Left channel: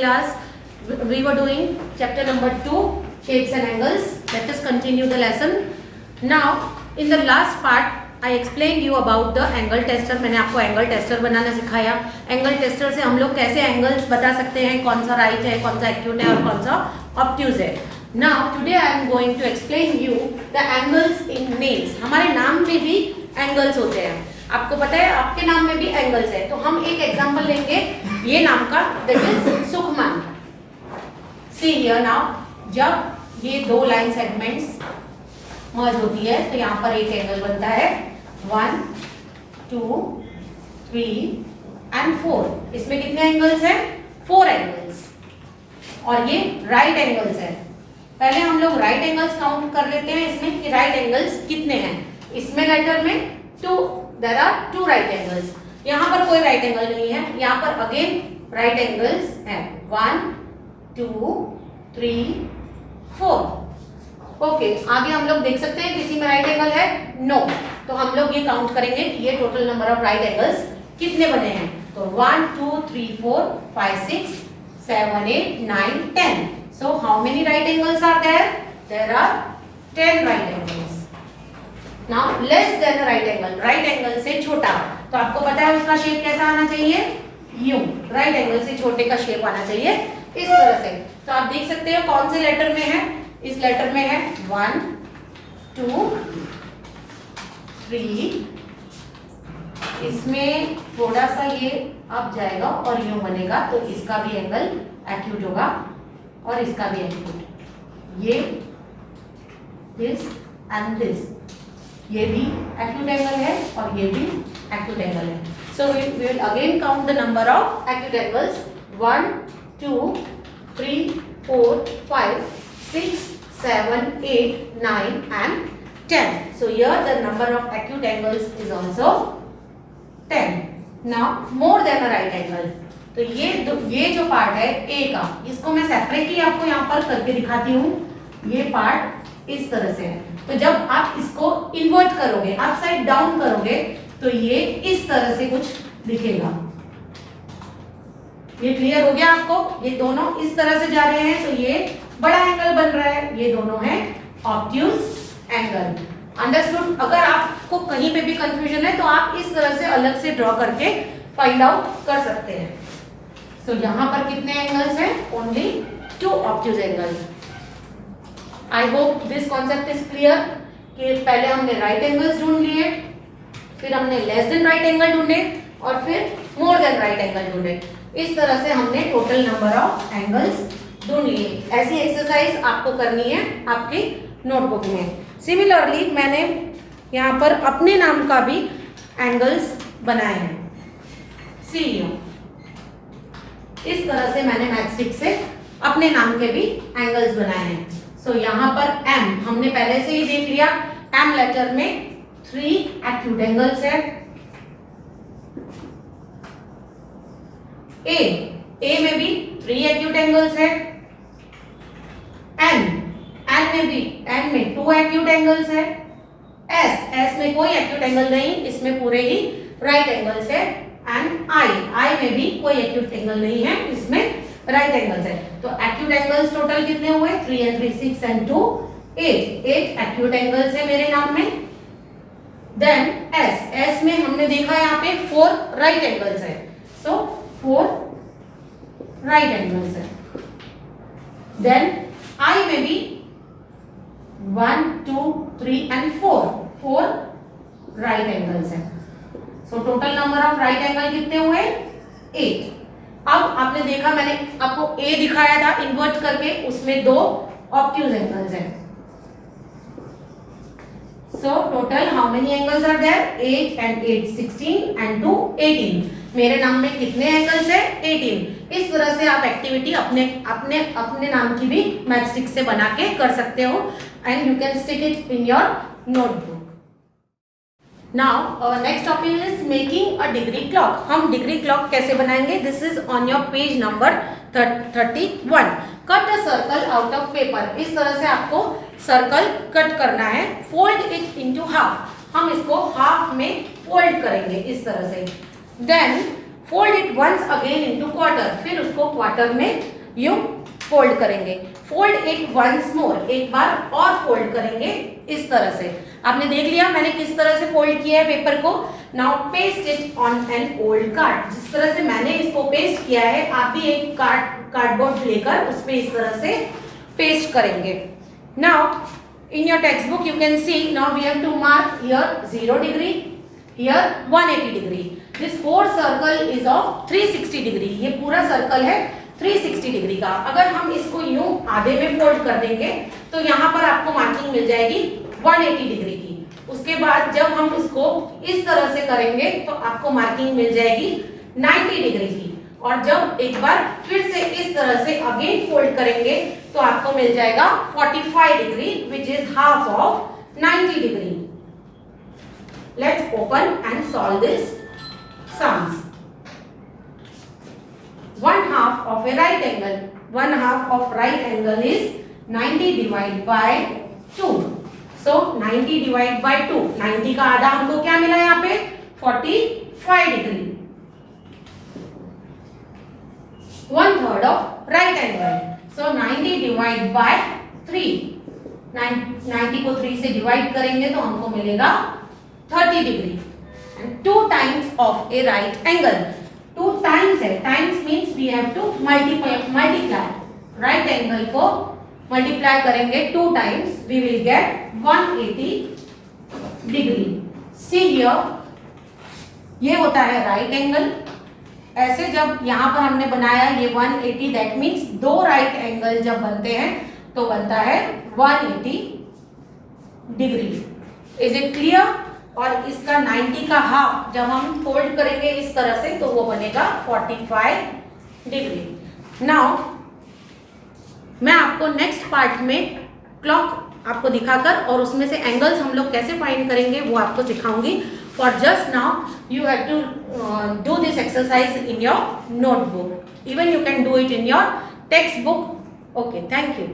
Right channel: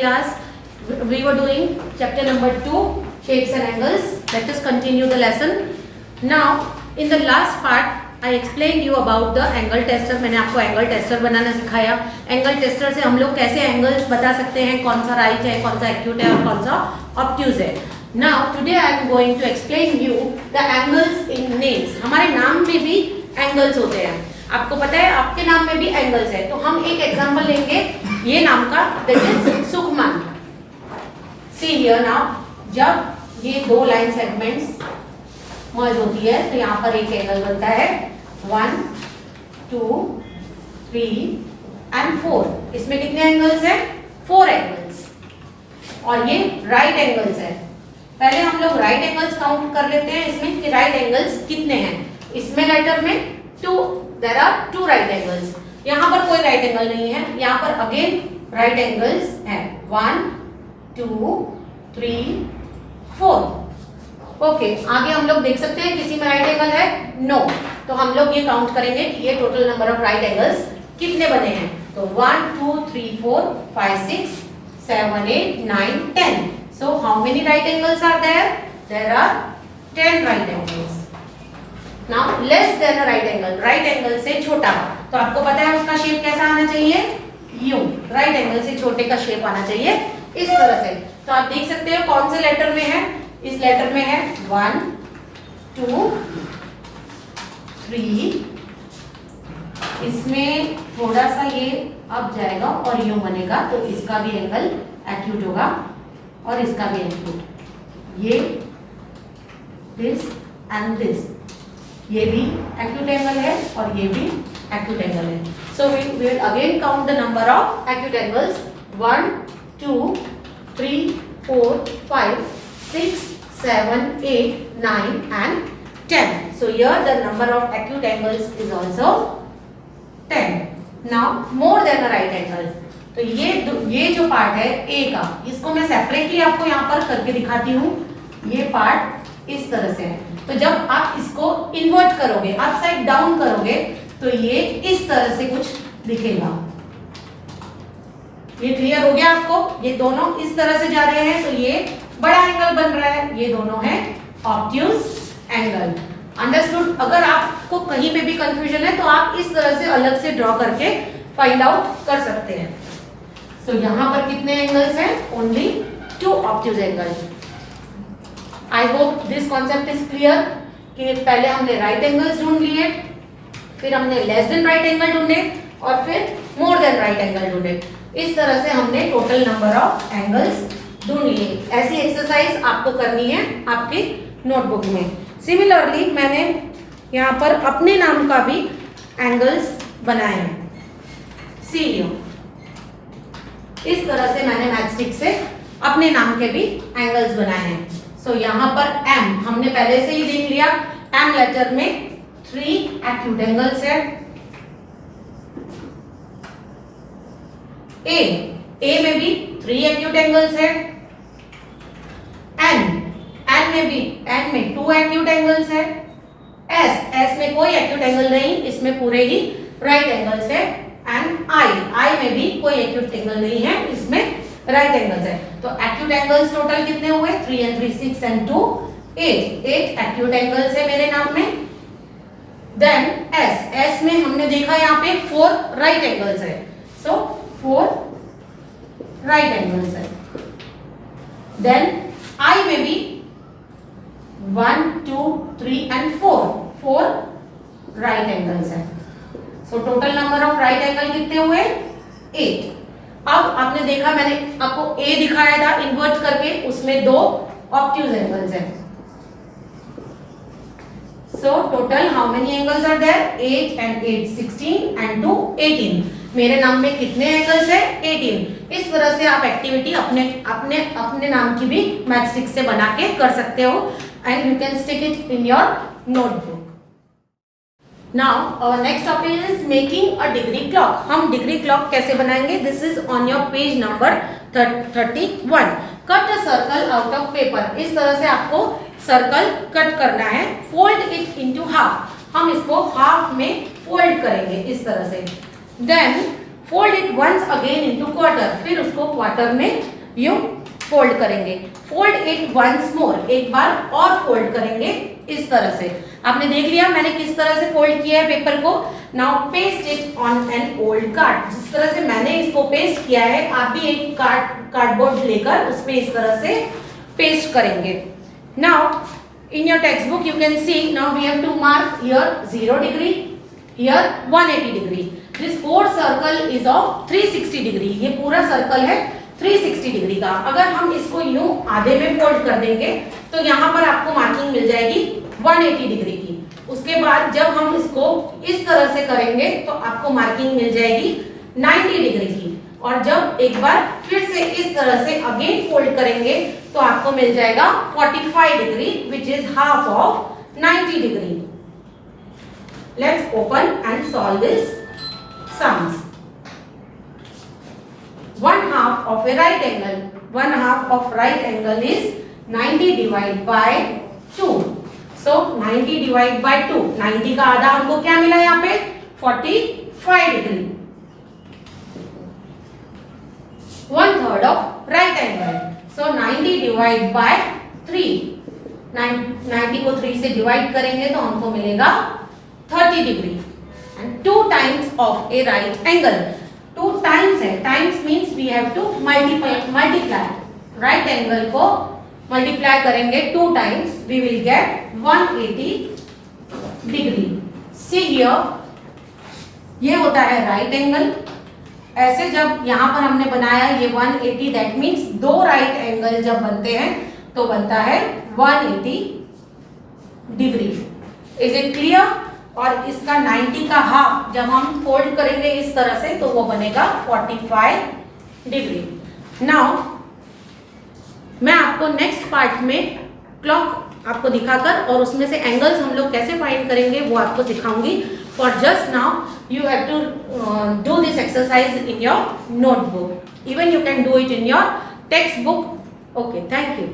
class we were doing chapter number 2, shapes and angles. Let us continue the lesson. Now in the last part I explained you about the angle tester. मैंने आपको angle tester बनाना सिखाया. Angle tester से हम लोग कैसे angles बता सकते हैं, कौन सा राइट है, कौन सा एक्यूट है और कौन सा ऑब्ट्यूज है. Now today I am going to explain you the angles in names. हमारे नाम में भी एंगल्स होते हैं. आपको पता है आपके नाम में भी एंगल्स है. तो हम एक एग्जांपल लेंगे ये नाम का, that is Sukhman. See here now, जब ये दो लाइन सेगमेंट्स मर्ज होती है तो यहाँ पर एक एंगल बनता है 1, 2, 3 and 4. इसमें कितने एंगल्स हैं? 4 एंगल्स. और ये राइट एंगल्स है. पहले हम लोग राइट एंगल्स काउंट कर लेते हैं इसमें कि राइट एंगल्स कितने हैं. इसमें लेटर में 2, देयर आर 2 राइट एंगल्स. यहाँ पर कोई राइट एंगल नहीं है. यहाँ पर अगेन राइट एंगल्स हैं 1, 2, 3, 4. ओके, आगे हम लोग देख सकते हैं किसी में राइट एंगल है? नो. तो हम लोग ये काउंट करेंगे कि ये total number of right angles कितने बने हैं. तो 1, 2, 3, 4, 5, 6, 7, 8, 9, 10. So how many right angles are there? There are 10 right angles. Now less than a right angle. Right angle से छोटा. तो आपको पता है उसका शेप कैसा आना चाहिए? यूं. राइट एंगल से छोटे का शेप आना चाहिए इस तरह से. तो आप देख सकते हो कौन से लेटर में है. इस लेटर में है 1, 2, 3. इसमें थोड़ा सा ये अब जाएगा और यूं बनेगा. तो इसका भी एंगल एक्यूट होगा और इसका भी एक्यूट. ये दिस एंड दिस, ये भी एक्यूट एंगल है और ये भी एक्यूट एंगल है. So we will again count the number of acute angles. 1, 2, 3, 4, 5, 6, 7, 8, 9 and 10. So here the number of acute angles is also 10. Now more than a right angle. तो ये जो पार्ट है ए का, इसको मैं सेपरेटली आपको यहाँ पर करके दिखाती हूँ. ये पार्ट इस तरह से है. तो जब आप इसको इन्वर्ट करोगे, अपसाइड डाउन करोगे, तो ये इस तरह से कुछ दिखेगा. ये क्लियर हो गया आपको? ये दोनों इस तरह से जा रहे हैं तो ये बड़ा एंगल बन रहा है. ये दोनों है ऑब्ट्यूज एंगल. अंडरस्टूड? अगर आपको कहीं पे भी कंफ्यूजन है तो आप इस तरह से अलग से ड्रॉ करके फाइंड आउट कर सकते हैं. सो यहाँ पर कितने एंगल्स हैं? Only 2 obtuse angle. I hope this concept is clear कि पहले हमने राइट एंगल्स ढूंढ लिए, फिर हमने लेस देन राइट एंगल ढूंढे और फिर मोर देन राइट एंगल ढूंढे. इस तरह से हमने टोटल नंबर ऑफ एंगल्स ढूंढ लिए. ऐसी एक्सरसाइज आपको करनी है आपकी नोटबुक में. सिमिलरली मैंने यहाँ पर अपने नाम का भी एंगल्स बनाए हैं. सी यू, इस तरह से मैंने मैचस्टिक से अपने नाम के भी एंगल्स बनाए हैं. सो यहाँ पर एम हमने पहले से ही देख लिया. एम लेटर में 3 एक्यूट एंगल्स है. ए में भी 3 एक्यूट एंगल्स है. एन में 2 एक्यूट एंगल्स है. एस में कोई एक्यूट एंगल नहीं, इसमें पूरे ही राइट एंगल्स है. एंड आई में भी कोई एक्यूट एंगल नहीं है, इसमें राइट एंगल्स है. तो एक्यूट एंगल्स टोटल कितने हुए? 3 and 3, 6 and 2, 8 एक्यूट एंगल्स है मेरे नाम में. देन एस में हमने देखा यहाँ पे 4 राइट एंगल्स है. सो 4 राइट एंगल्स है. देन आई में भी 1, 2, 3 and 4 राइट एंगल्स है. So total number of right angle कितने हुए? 8. अब आपने देखा मैंने आपको ए दिखाया था इन्वर्ट करके, उसमें 2 ऑब्ट्यूज एंगल्स हैं. So total how many angles are there? 8 and 8 16 and 2 18. मेरे नाम में कितने एंगल्स है? 18. इस तरह से आप एक्टिविटी अपने नाम की भी मैचस्टिक से बना के कर सकते हो and you can stick it in your notebook. Now our next topic is making a degree clock. हम डिग्री क्लॉक कैसे बनाएंगे? This is on your page number 31. Cut a circle out of paper. इस तरह से आपको circle cut करना है. Fold it into half. हम इसको हाफ में फोल्ड करेंगे इस तरह से. Then fold it once again into quarter, फिर उसको क्वार्टर में यूं फोल्ड करेंगे। फोल्ड इट वंस मोर, एक बार और फोल्ड करेंगे इस तरह से। आपने देख लिया मैंने किस तरह से फोल्ड किया है पेपर को। Now paste it on an old card, जिस तरह से मैंने इसको पेस्ट किया है आप भी एक कार्डबोर्ड लेकर उस पे इस तरह से पेस्ट करेंगे। Now in your textbook you can see now we have to mark here 0 degree, here 180 degree. This whole circle is of 360 degree. ये पूरा सर्कल है 360 डिग्री का। अगर हम इसको यूं आधे में फोल्ड कर देंगे तो यहाँ पर आपको मार्किंग मिल जाएगी 180 डिग्री की। उसके बाद जब हम इसको इस तरह से करेंगे तो आपको मार्किंग मिल जाएगी 90 डिग्री की। और जब एक बार फिर से इस तरह से अगेन फोल्ड करेंगे तो आपको मिल जाएगा 45 degree which is half of 90 degree. Let's open and solve this sums. 1/2 of a right angle, 1/2 of right angle is 90 divided by 2. So 90 divided by 2, 90 का आधा हमको क्या मिला यहाँ पे 45 degree. 1/3 of right angle, so 90 divided by 3, 90 को 3 से divide करेंगे तो हमको मिलेगा 30 degree. And 2 times of a right angle, 2 times है, times means we have to multiply right angle को मल्टीप्लाई करेंगे 2 times, we will get 180 degree. See here, ये होता है राइट एंगल। ऐसे जब यहाँ पर हमने बनाया ये 180, दैट मीन्स 2 राइट एंगल जब बनते हैं तो बनता है 180 डिग्री। Is it clear? और इसका 90 का हाफ जब हम फोल्ड करेंगे इस तरह से तो वो बनेगा 45 डिग्री। नाउ मैं आपको नेक्स्ट पार्ट में क्लॉक आपको दिखाकर और उसमें से एंगल्स हम लोग कैसे फाइंड करेंगे वो आपको सिखाऊंगी। For just now you have to do this exercise in your notebook. Even you can do it in your textbook. Okay, thank you.